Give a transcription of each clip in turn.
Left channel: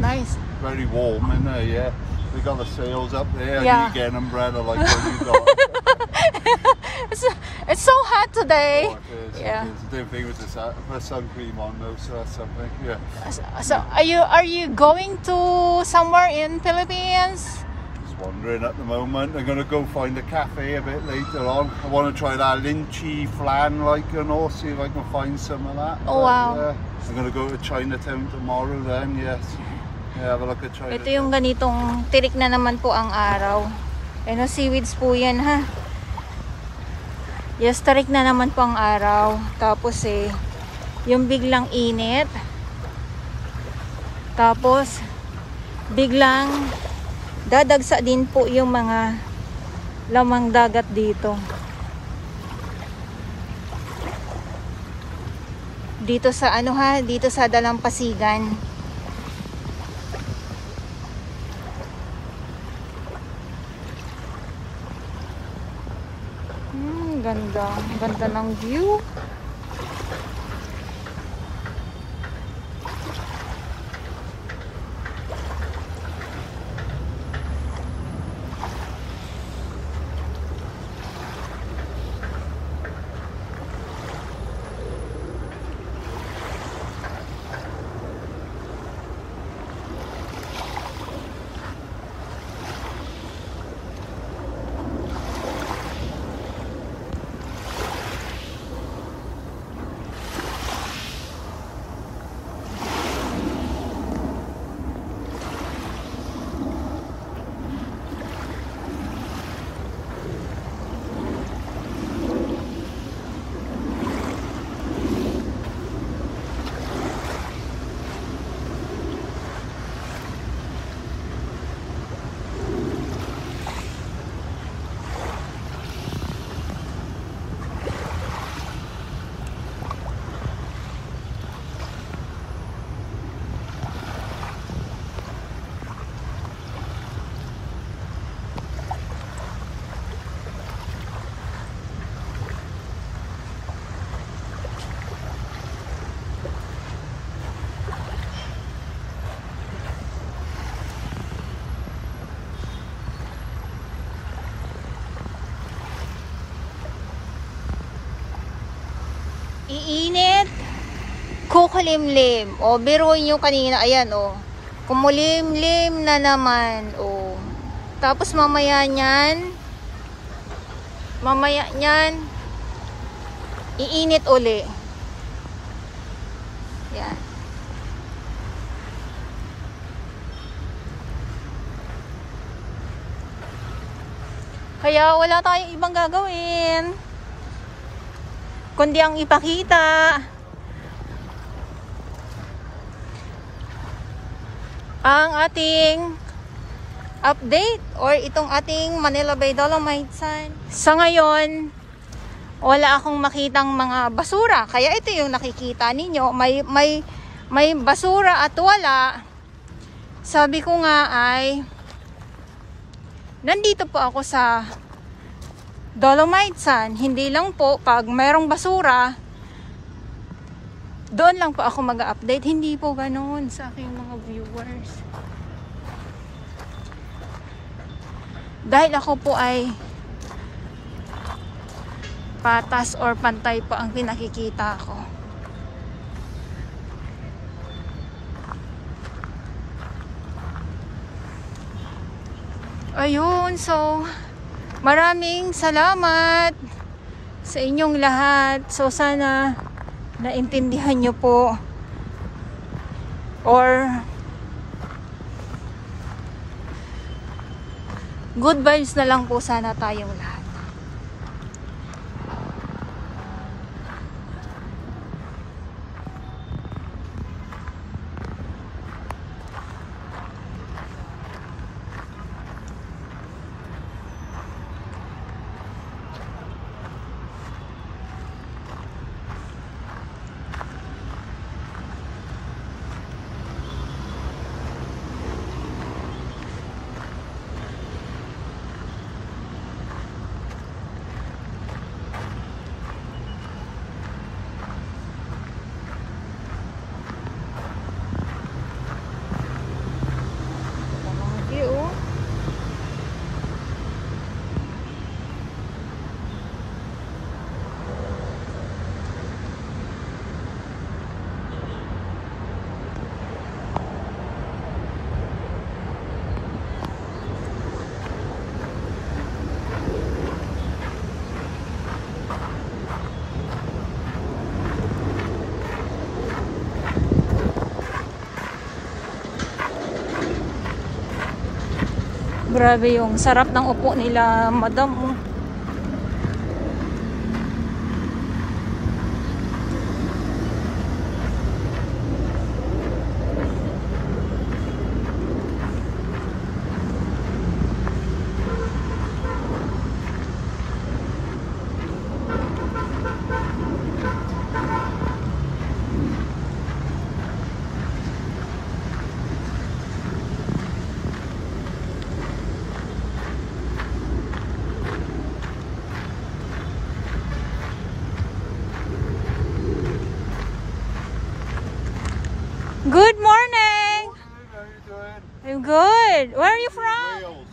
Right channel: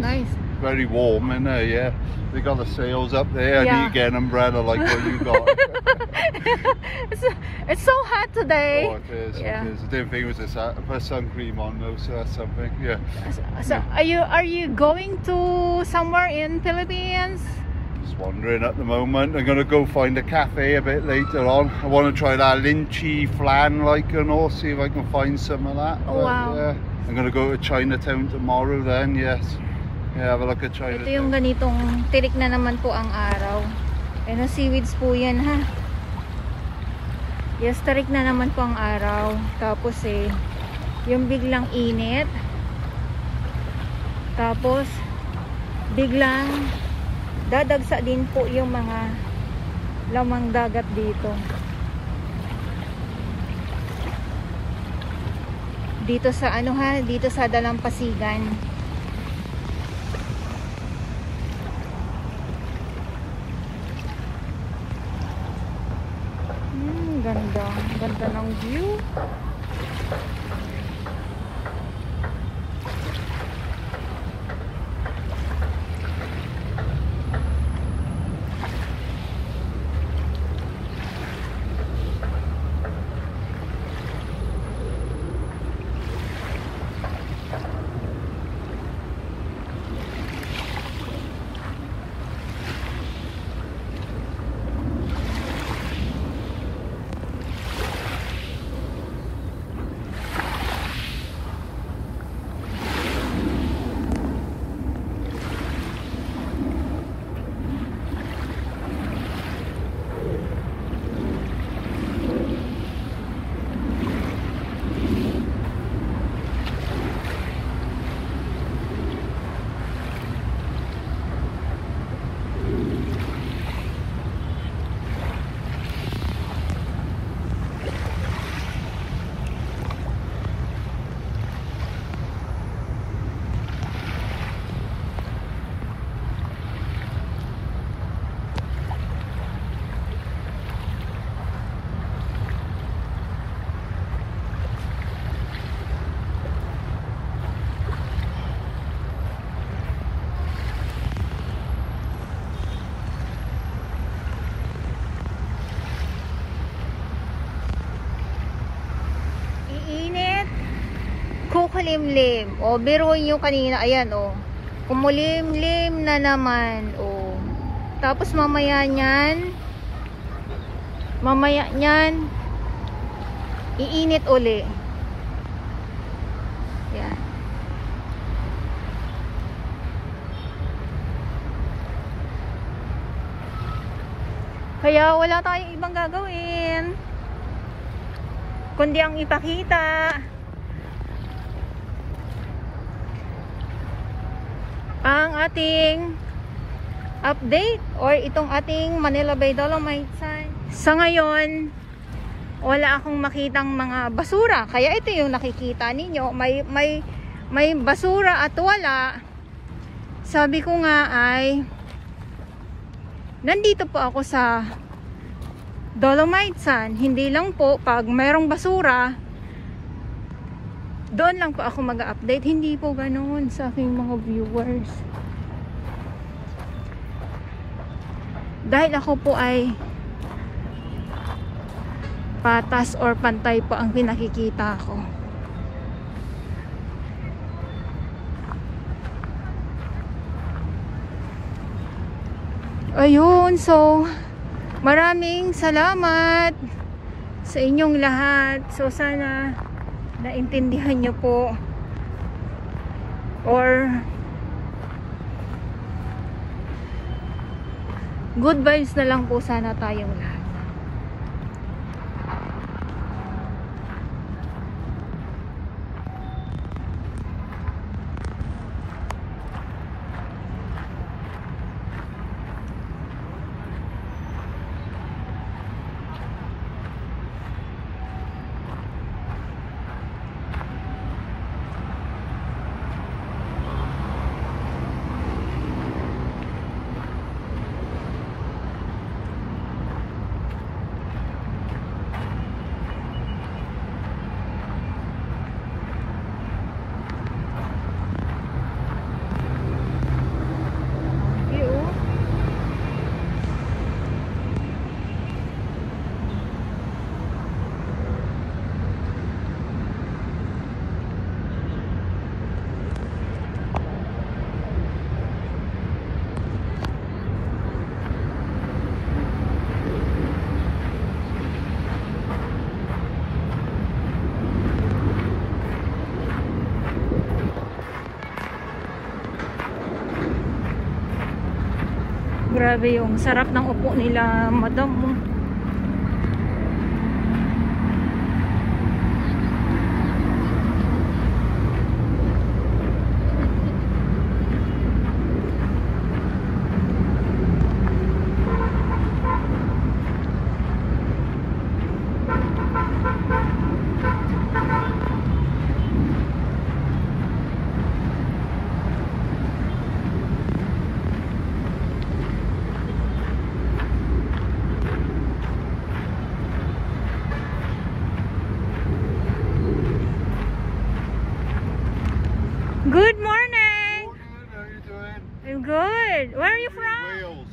nice. Very warm in there, yeah. They got the sails up there. Yeah. And you get an umbrella like what you got. It's so hot today. Oh, it is. Yeah. It is. I didn't think it was this. I put sun cream on though, so that's something. Yeah. So are you going to somewhere in Philippines? Just wandering at the moment. I'm gonna go find a cafe a bit later on. I want to try that lychee flan, like, and all, see if I can find some of that. Oh, wow. Yeah. I'm gonna go to Chinatown tomorrow then. Yes. Yeah, have a look at Chinatown. Ito yung ganitong tirik na naman po ang araw. Ano, seaweeds po yan, ha? Yes, tarik na naman po ang araw. Tapos yung biglang init. Tapos biglang dadagsa din po yung mga lamang dagat dito. Dito sa ano, ha, dito sa Dalampasigan. Ganda ng view. Iinit, kukulimlim. O, biruin nyo kanina, ayan, o. Kumulimlim na naman, o. Tapos mamaya nyan, iinit uli. Yan. Kaya wala tayong ibang gagawin kundi ang ipakita ang ating update or itong ating Manila Bay Dolomite sign. Sa ngayon, wala akong makitang mga basura. Kaya ito yung nakikita ninyo. May basura at wala. Sabi ko nga ay nandito po ako sa Dolomite Sun, hindi lang po pag mayroong basura doon lang po ako mag-update, hindi po ganoon sa aking mga viewers, dahil ako po ay patas or pantay po ang pinakikita ko. Ayun, so maraming salamat sa inyong lahat. So sana naintindihan nyo po or good vibes na lang po sana tayong lahat. Grabe yung sarap ng upo nila, madam. Good morning! How are you doing? I'm good. Where are you from? Wales.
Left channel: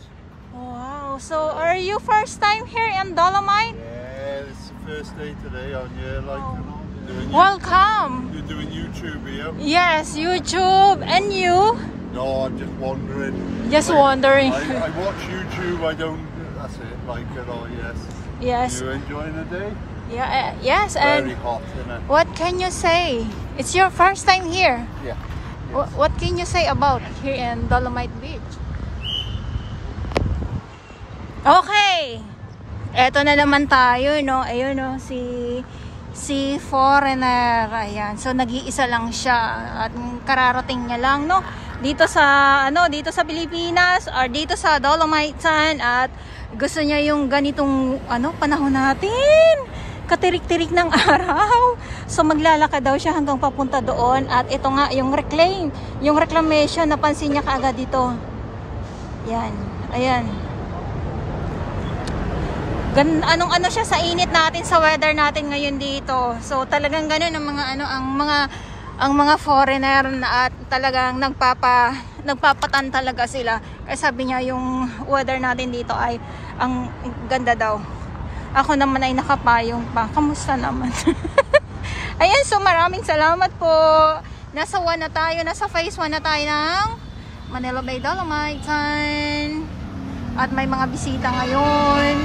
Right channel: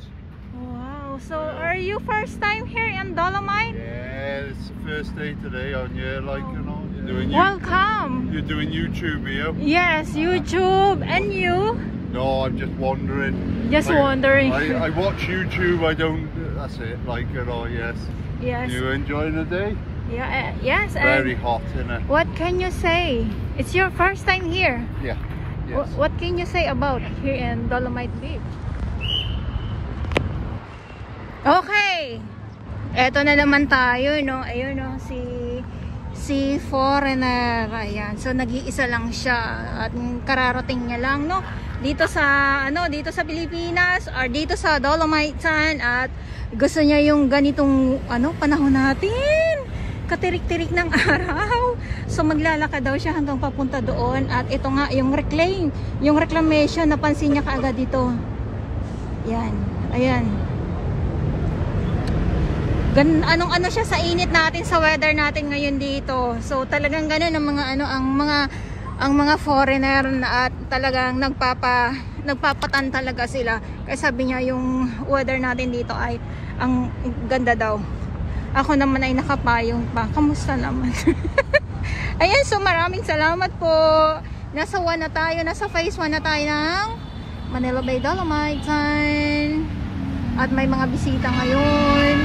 Wow. So, are you first time here in Dolomite? Yeah, it's the first day today on here, like, you know. Doing Welcome. You're doing YouTube here? Yes, YouTube. And you? No, I'm just wondering. Just wondering. I watch YouTube, I don't, that's it, like, you know, yes. Yes. You enjoying the day? Yeah. Yes. Very And hot, isn't it? what can you say? It's your first time here. Yeah. Yes. What can you say about here in Dolomite Beach? Okay. Eto na naman tayo, no? Ayun, no? Si foreigner. Ayan. So, nag-iisa lang siya. At kararating niya lang, no? Dito sa Pilipinas or dito sa Dolomite. At gusto niya yung ganitong, panahon natin. Katirik-tirik ng araw. So maglalakad daw siya hanggang papunta doon. At ito nga yung reclamation, napansin niya kaagad dito. Yan. Ayan. Anong siya sa init natin, sa weather natin ngayon dito. So talagang ganun ang mga foreigner na at talagang nagpapatan talaga sila. Kaya sabi niya yung weather natin dito ay ang ganda daw. Ako naman ay nakapayong pa. Kamusta naman? Ayan, so maraming salamat po. Nasa phase 1 na tayo ng Manila Bay Dolomite. At may mga bisita ngayon.